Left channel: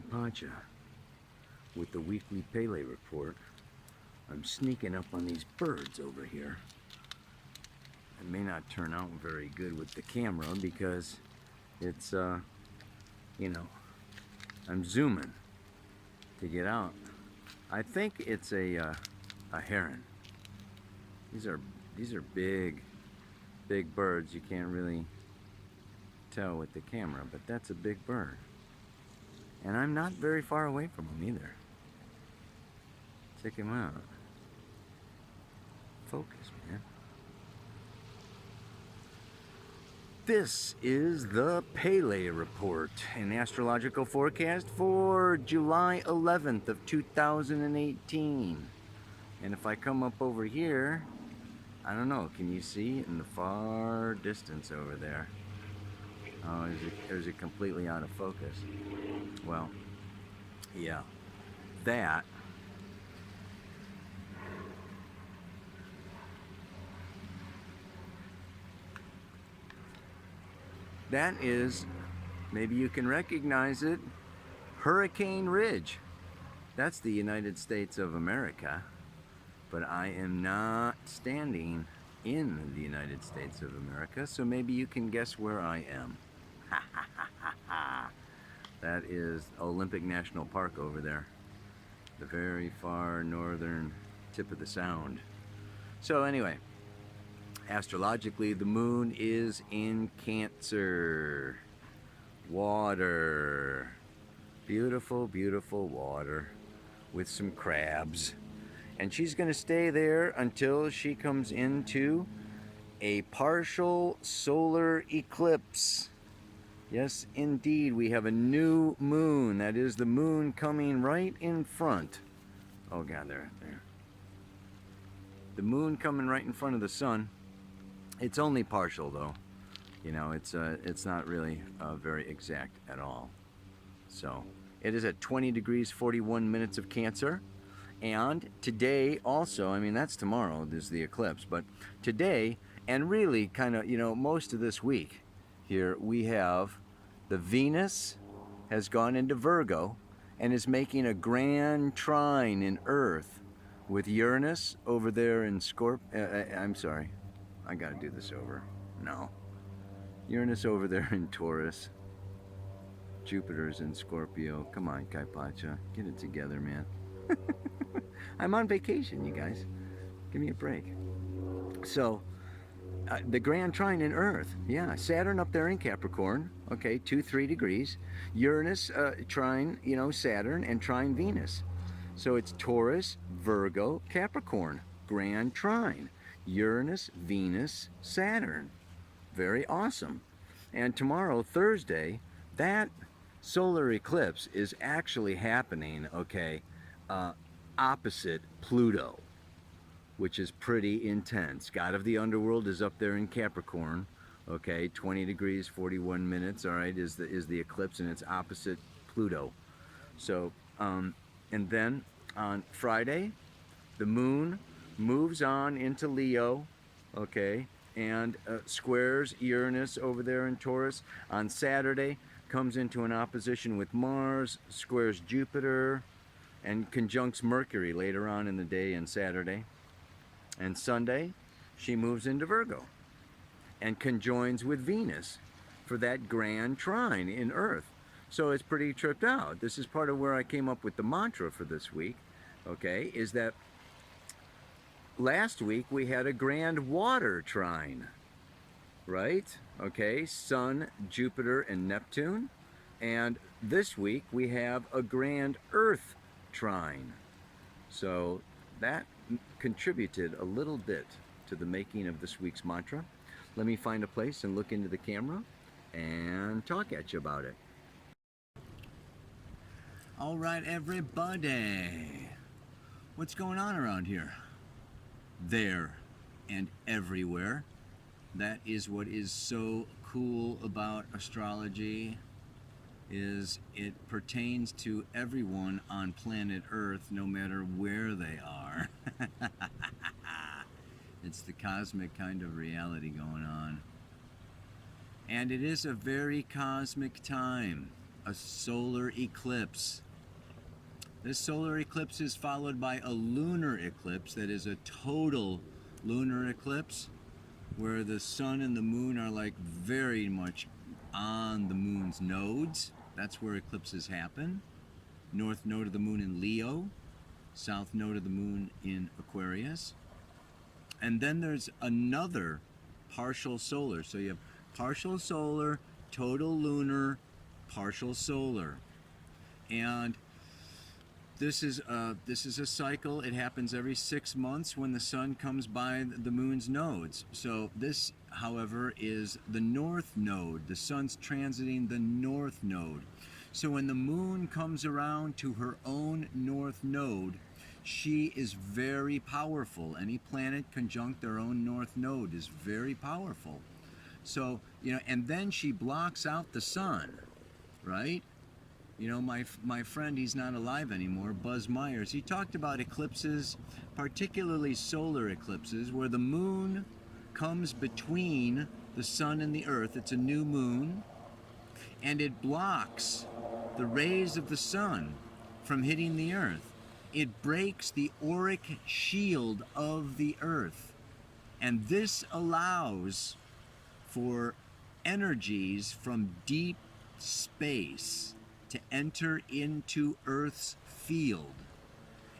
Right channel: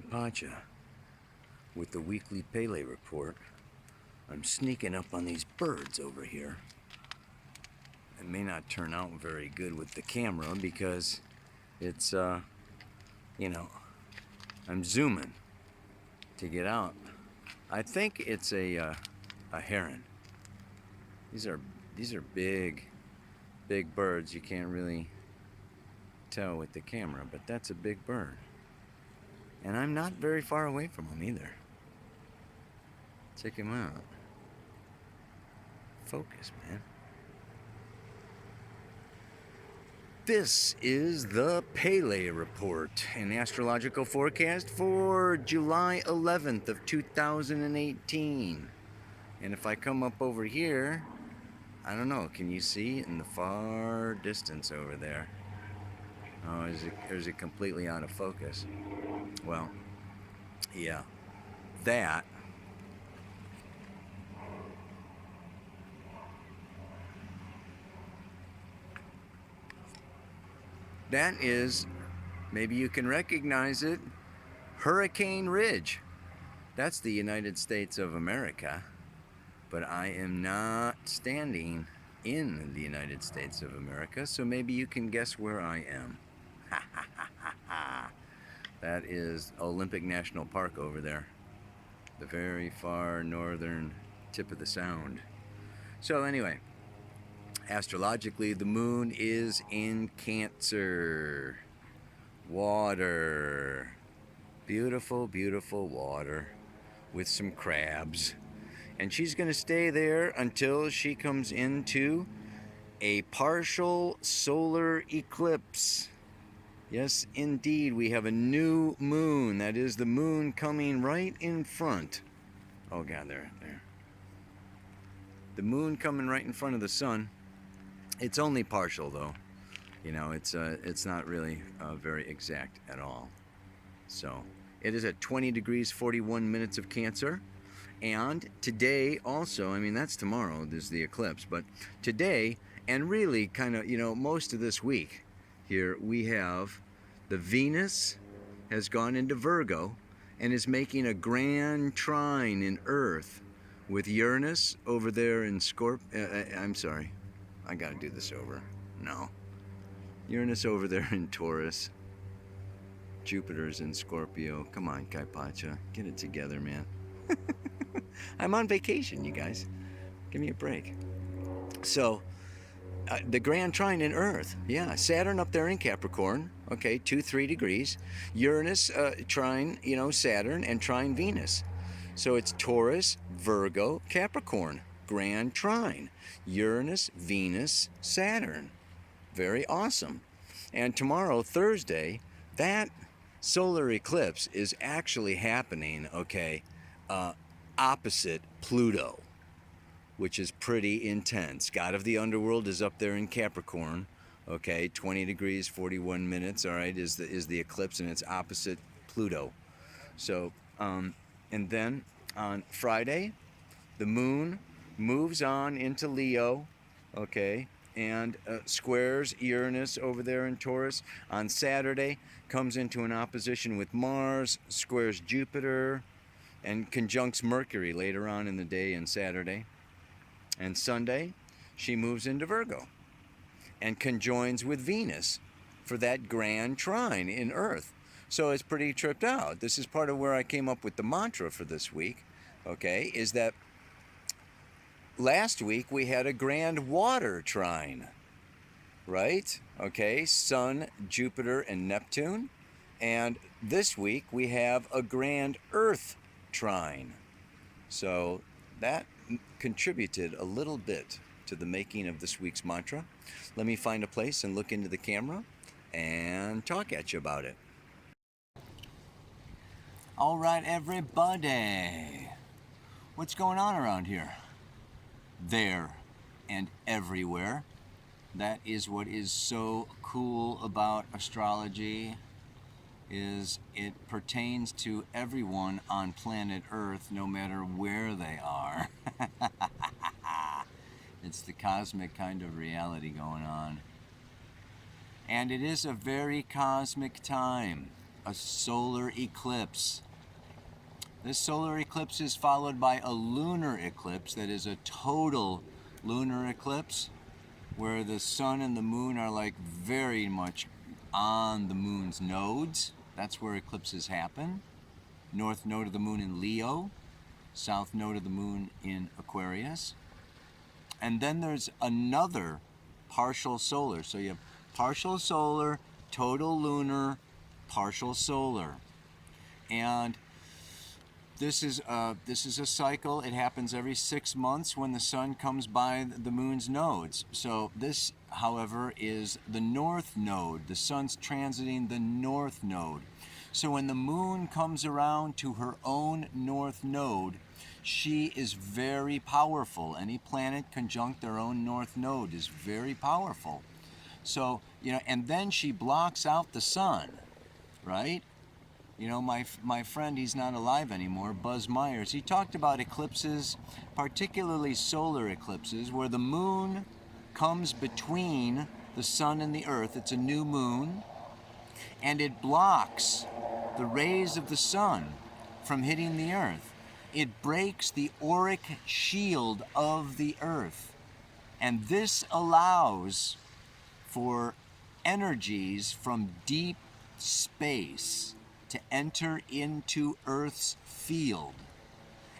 Kaipacha with the weekly Pele report. I'm sneaking up on these birds over here. It may not turn out very good with the camera because it's, you know, I'm zooming to get out. I think it's a heron. These are big birds. You can't really tell with the camera, but that's a big bird. And I'm not very far away from them either. Check him out. Focus, man. This is the Pele report, an astrological forecast for July 11th of 2018. And if I come up over here, I don't know, can you see in the far distance over there? Oh, is it completely out of focus? Well, yeah, that is, maybe you can recognize it, Hurricane Ridge. That's the United States of America, but I am not standing in the United States of America, so maybe you can guess where I am. Ha ha ha ha ha. That is Olympic National Park over there, the very far northern tip of the sound. So anyway, astrologically, the moon is in Cancer. Water. Beautiful, beautiful water with some crabs. And she's going to stay there until she comes into a partial solar eclipse. Yes, indeed, we have a new moon. That is the moon coming right in front. Oh, God, there. The moon coming right in front of the sun. It's only partial, though. You know, it's not really very exact at all. So, it is at 20 degrees 41 minutes of Cancer. And today also, I mean, that's tomorrow, there's the eclipse. But today, and really kind of, you know, most of this week, here we have the Venus has gone into Virgo and is making a grand trine in Earth with Uranus over there in I'm sorry, I gotta do this over. No. Uranus over there in Taurus. Jupiter's in Scorpio. Come on, Kaipacha, get it together, man. I'm on vacation, you guys. Give me a break. So, the grand trine in Earth, yeah, Saturn up there in Capricorn, okay, 2-3 degrees. Uranus trine, you know, Saturn, and trine Venus. So it's Taurus, Virgo, Capricorn, grand trine. Uranus, Venus, Saturn. Very awesome. And tomorrow, Thursday, that solar eclipse is actually happening, okay, opposite Pluto, which is pretty intense. God of the Underworld is up there in Capricorn, okay, 20 degrees 41 minutes, all right, is the eclipse, and it's opposite Pluto. So, and then on Friday, the moon moves on into Leo, okay, and squares Uranus over there in Taurus. On Saturday, comes into an opposition with Mars, squares Jupiter, and conjuncts Mercury later on in the day and Saturday. And Sunday, she moves into Virgo and conjoins with Venus for that grand trine in Earth. So it's pretty tripped out. This is part of where I came up with the mantra for this week, okay, is that last week we had a grand water trine, right? Okay, Sun, Jupiter, and Neptune. And this week we have a grand Earth trine. So that contributed a little bit to the making of this week's mantra. Let me find a place and look into the camera and talk at you about it. All right, everybody. What's going on around here? There and everywhere. That is what is so cool about astrology, is it pertains to everyone on planet Earth, no matter where they are. It's the cosmic kind of reality going on. And it is a very cosmic time. a solar eclipse. This solar eclipse is followed by a lunar eclipse, that is a total lunar eclipse, where the sun and the moon are like very much on the moon's nodes. That's where eclipses happen. North node of the moon in Leo, south node of the moon in Aquarius. And then there's another partial solar. So you have partial solar, total lunar, partial solar. And this is a cycle. It happens every 6 months when the sun comes by the moon's nodes. So this, however, is the north node. The sun's transiting the north node. So when the moon comes around to her own north node, she is very powerful. Any planet conjunct their own north node is very powerful. So, and then she blocks out the sun, right? My friend, he's not alive anymore, Buzz Myers, he talked about eclipses, particularly solar eclipses, where the moon comes between the sun and the earth. It's a new moon, and it blocks the rays of the sun from hitting the earth. It breaks the auric shield of the earth. And this allows for energies from deep space to enter into Earth's field.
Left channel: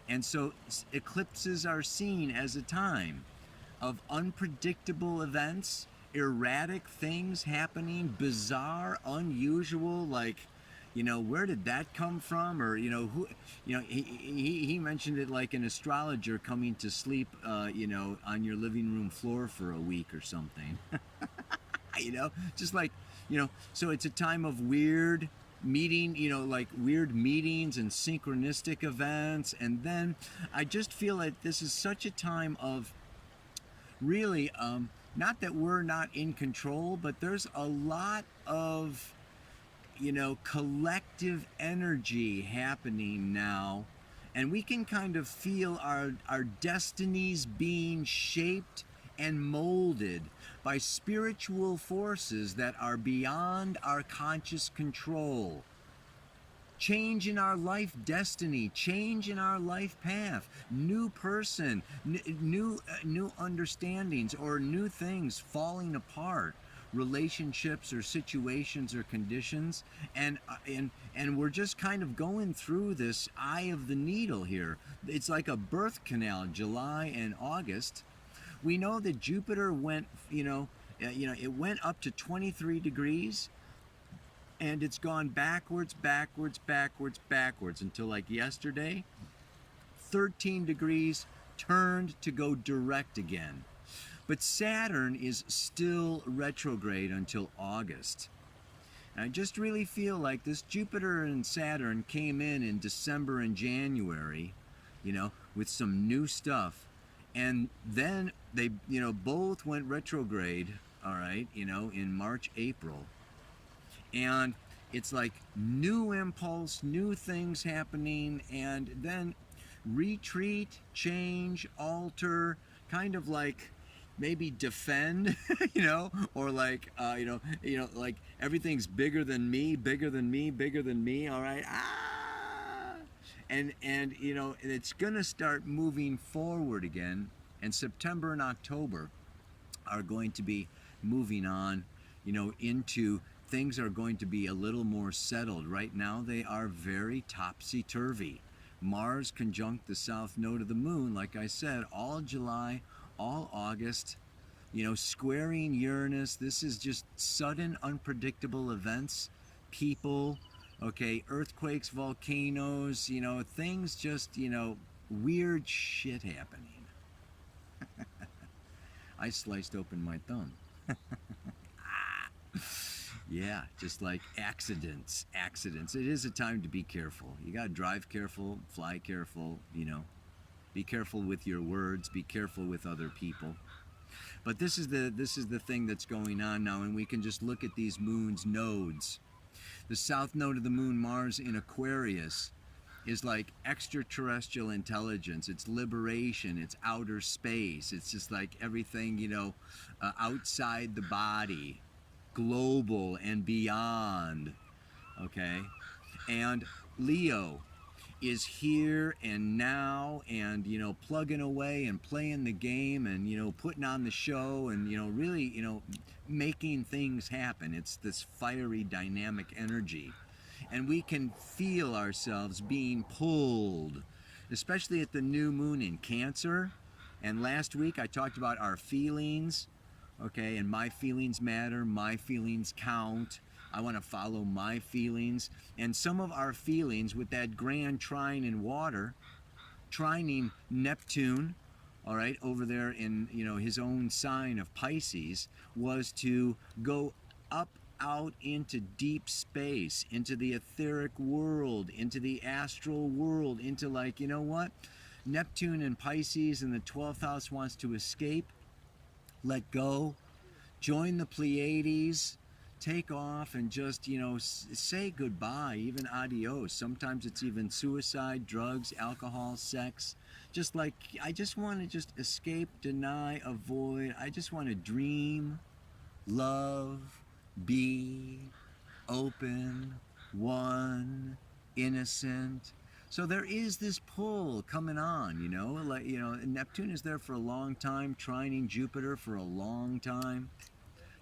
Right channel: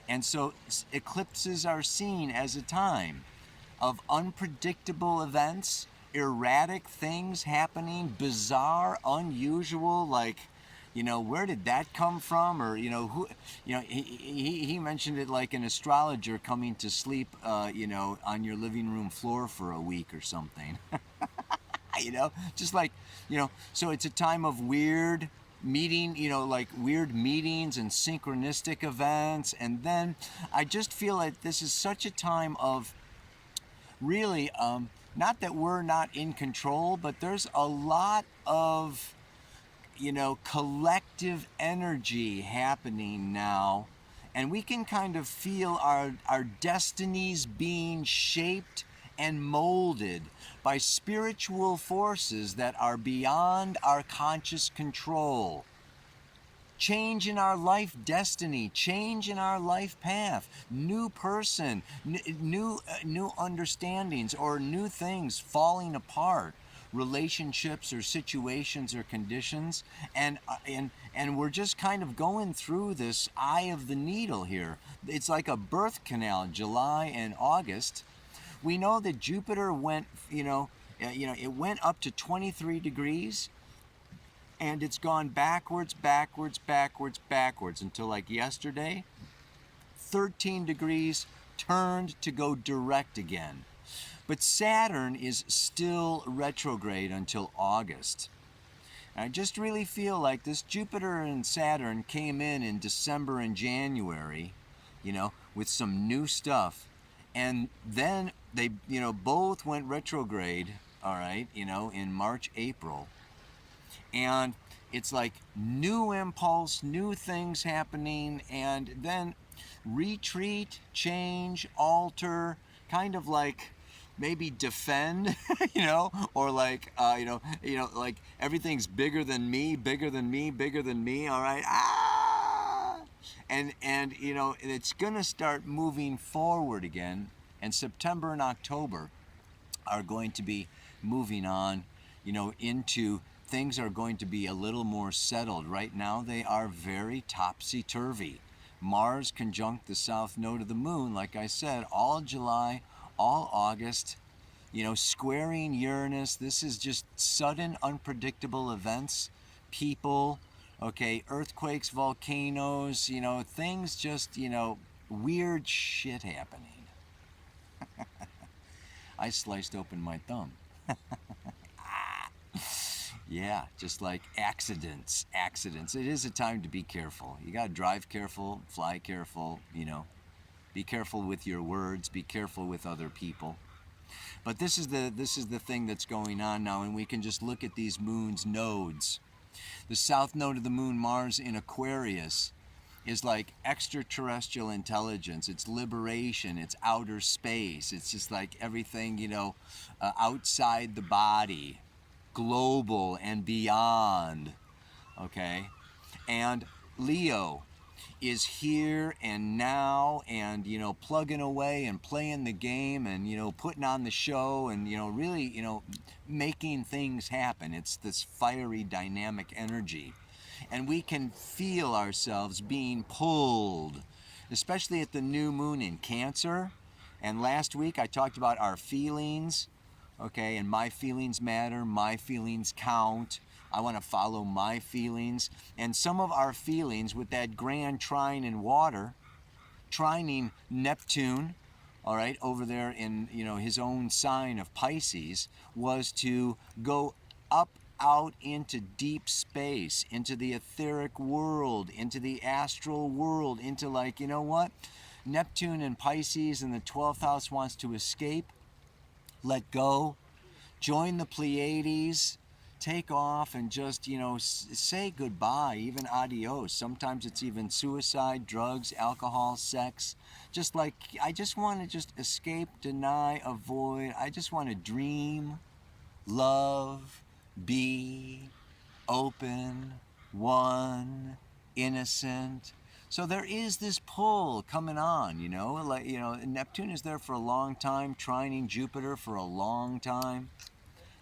And so eclipses are seen as a time of unpredictable events, erratic things happening, bizarre, unusual, like, where did that come from? Or, who, he mentioned it like an astrologer coming to sleep, on your living room floor for a week or something. Just like, so it's a time of weird meeting, like weird meetings and synchronistic events. And then I just feel like this is such a time of really, not that we're not in control, but there's a lot of, collective energy happening now. And we can kind of feel our destinies being shaped and molded by spiritual forces that are beyond our conscious control. Change in our life destiny, change in our life path, new person, new understandings, or new things falling apart, relationships or situations or conditions, and we're just kind of going through this eye of the needle here. It's like a birth canal, July and August. We know that Jupiter went, it went up to 23 degrees, and it's gone backwards until like yesterday, 13 degrees, turned to go direct again. But Saturn is still retrograde until August. And I just really feel like this Jupiter and Saturn came in December and January, with some new stuff. And then they, both went retrograde, all right, in March, April. And it's like new impulse, new things happening, and then retreat, change, alter, kind of like maybe defend, or like, like everything's bigger than me, all right, And it's going to start moving forward again. And September and October are going to be moving on, into things are going to be a little more settled. Right now they are very topsy-turvy. Mars conjunct the south node of the moon, like I said, all July, all August, squaring Uranus. This is just sudden, unpredictable events, people, okay, earthquakes, volcanoes, things just, weird shit happening. I sliced open my thumb. Yeah, just like accidents. It is a time to be careful. You gotta drive careful, fly careful, be careful with your words, be careful with other people. But this is the thing that's going on now, and we can just look at these moon's nodes. The south node of the moon, Mars in Aquarius, is like extraterrestrial intelligence. It's liberation. It's outer space. It's just like everything, outside the body, global and beyond. okay? And Leo is here and now, and plugging away and playing the game, and putting on the show, and really making things happen. It's this fiery dynamic energy, and we can feel ourselves being pulled, especially at the new moon in Cancer. And last week I talked about our feelings, okay, and my feelings matter, my feelings count. I want to follow my feelings. And some of our feelings with that grand trine in water, trining Neptune, all right, over there in his own sign of Pisces, was to go up out into deep space, into the etheric world, into the astral world, into what? Neptune and Pisces in the 12th house wants to escape, let go, join the Pleiades, take off, and just say goodbye, even adios. Sometimes it's even suicide, drugs, alcohol, sex. Just like, I just want to just escape, deny, avoid. I just want to dream, love, be open, one, innocent. So there is this pull coming on, Neptune is there for a long time, trining Jupiter for a long time.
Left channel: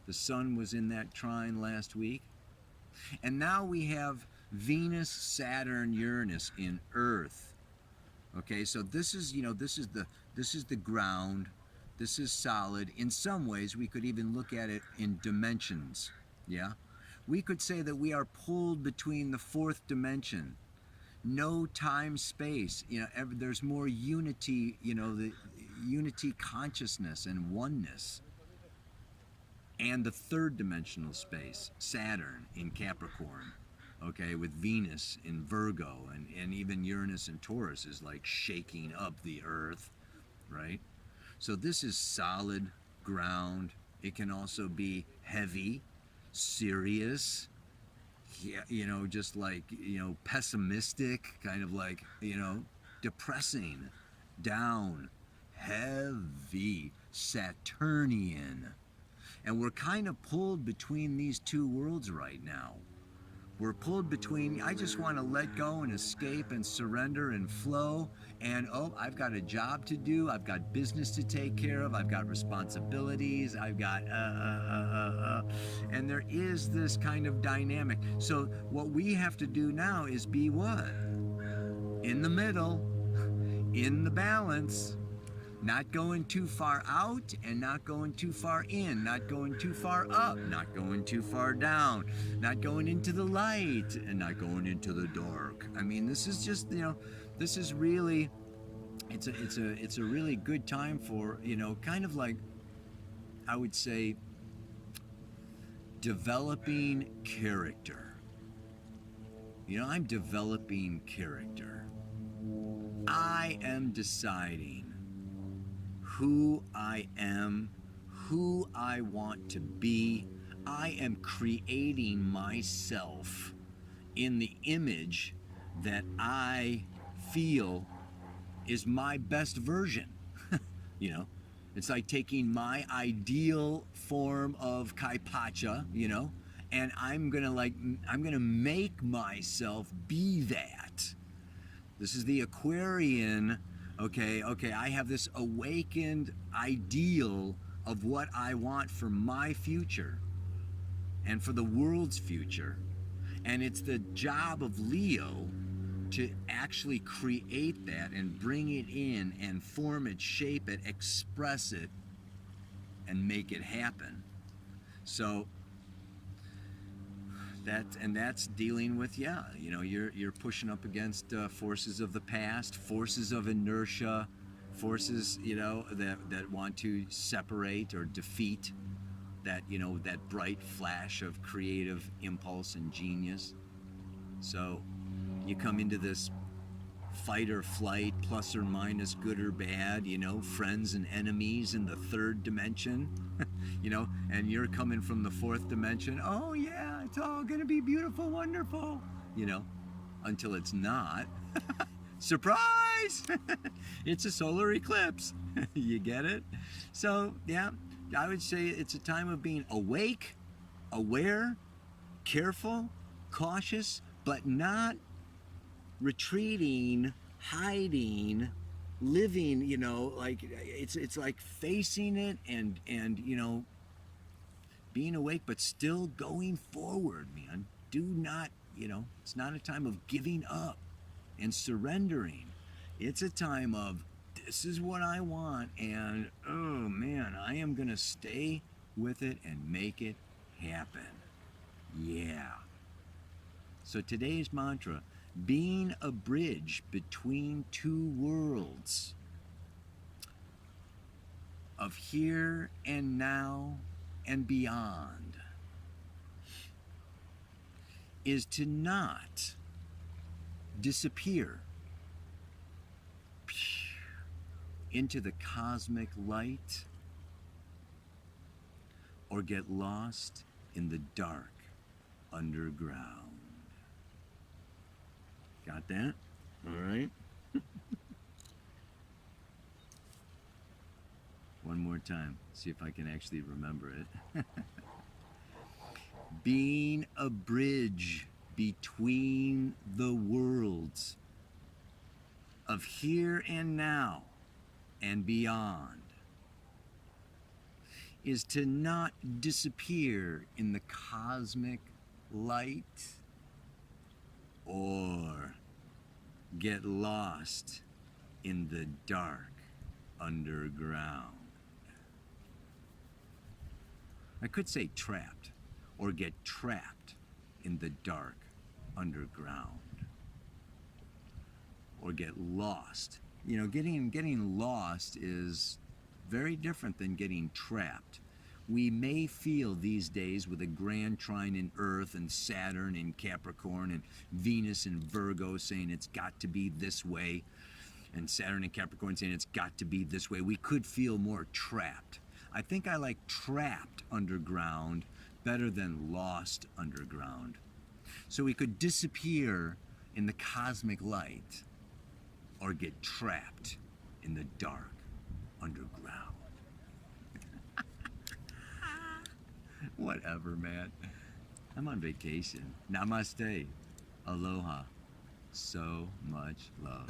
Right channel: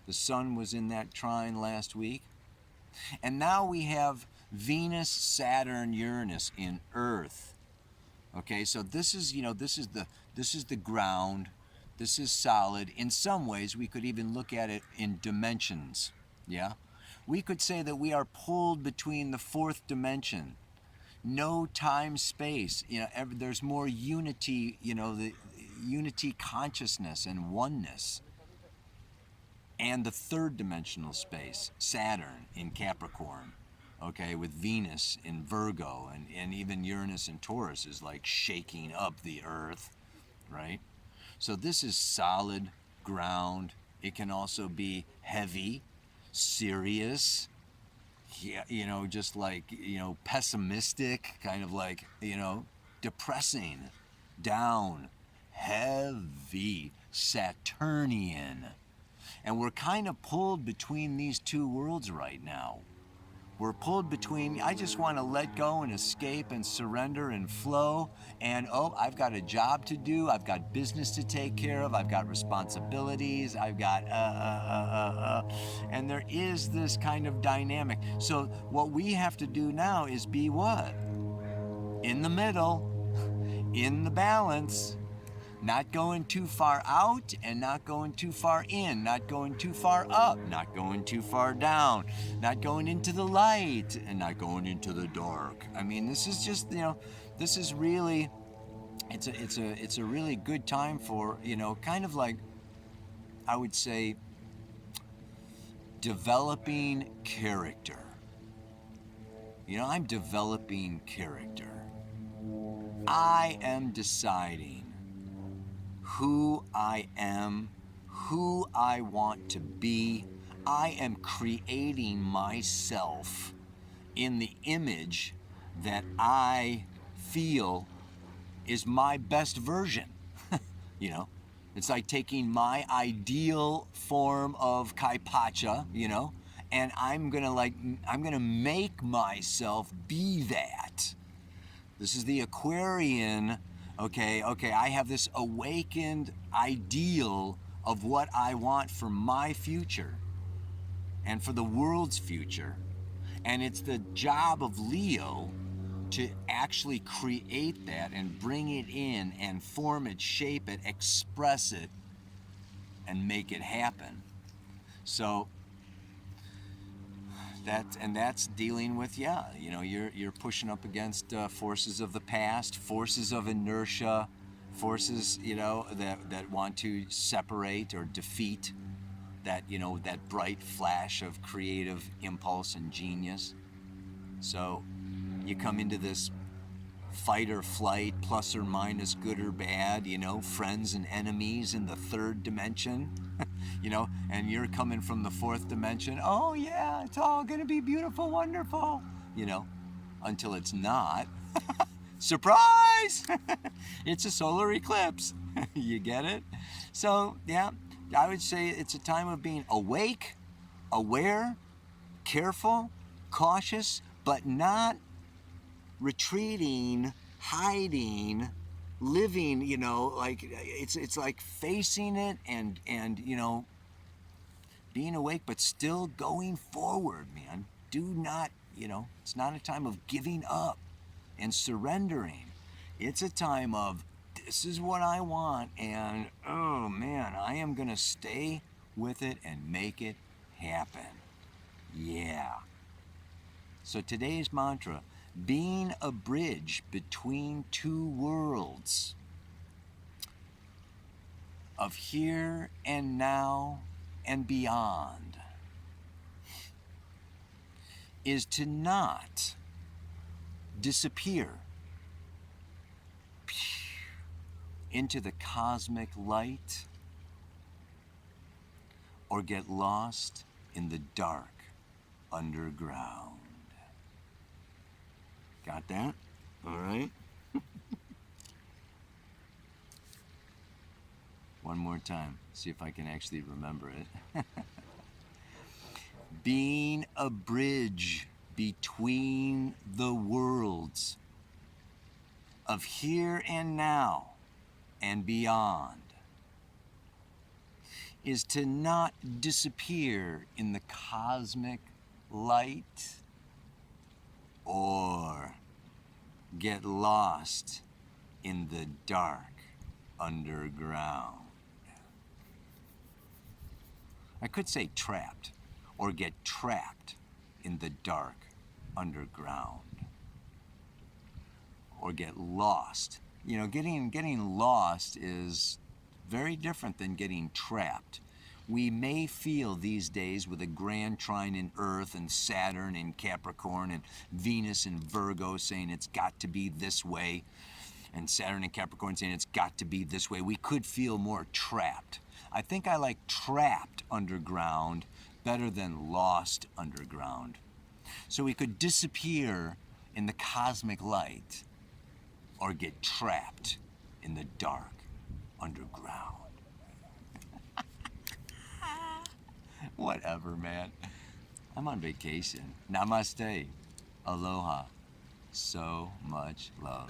The sun was in that trine last week. And now we have Venus, Saturn, Uranus in Earth. Okay, so this is the ground. This is solid. In some ways, we could even look at it in dimensions. Yeah? We could say that we are pulled between the fourth dimension. No time, space. There's more unity, the unity consciousness and oneness. And the third dimensional space, Saturn in Capricorn, okay, with Venus in Virgo, and even Uranus in Taurus is like shaking up the earth, right? So this is solid ground. It can also be heavy, serious, just like, pessimistic, kind of like, depressing, down, heavy, Saturnian. And we're kind of pulled between these two worlds right now. We're pulled between, I just want to let go and escape and surrender and flow. And, I've got a job to do. I've got business to take care of. I've got responsibilities. I've got, And there is this kind of dynamic. So what we have to do now is be what? In the middle, in the balance. Not going too far out and not going too far in, not going too far up, not going too far down, not going into the light and not going into the dark. I mean, this is just, this is really, it's a really good time for, kind of like, I would say, developing character. I'm developing character. I am deciding who I am, who I want to be. I am creating myself in the image that I feel is my best version. It's like taking my ideal form of Kaipacha, and I'm gonna make myself be that. This is the Aquarian. Okay, I have this awakened ideal of what I want for my future and for the world's future. And it's the job of Leo to actually create that and bring it in and form it, shape it, express it, and make it happen. So that's dealing with, you're pushing up against forces of the past, forces of inertia, forces, that want to separate or defeat that, that bright flash of creative impulse and genius. So you come into this fight or flight, plus or minus, good or bad, friends and enemies in the third dimension, and you're coming from the fourth dimension. Oh yeah, it's all gonna be beautiful, wonderful, until it's not. Surprise! It's a solar eclipse. You get it? So yeah, I would say it's a time of being awake, aware, careful, cautious, but not retreating, hiding, living, you know, like it's like facing it and you know, being awake but still going forward, man. Do not, you know, it's not a time of giving up and surrendering. It's a time of, this is what I want, and oh man, I am gonna stay with it and make it happen. Yeah. So today's mantra, being a bridge between two worlds of here and now and beyond, is to not disappear into the cosmic light or get lost in the dark underground. Got that? All right. One more time, see if I can actually remember it. Being a bridge between the worlds of here and now and beyond is to not disappear in the cosmic light or get lost in the dark underground. I could say trapped or get trapped in the dark underground or get lost. You know, getting lost is very different than getting trapped. We may feel these days with a grand trine in Earth and Saturn in Capricorn and Venus in Virgo saying it's got to be this way, and Saturn in Capricorn saying it's got to be this way, we could feel more trapped. I think I like trapped underground better than lost underground. So we could disappear in the cosmic light or get trapped in the dark underground. Whatever, man. I'm on vacation. Namaste. Aloha. So much love.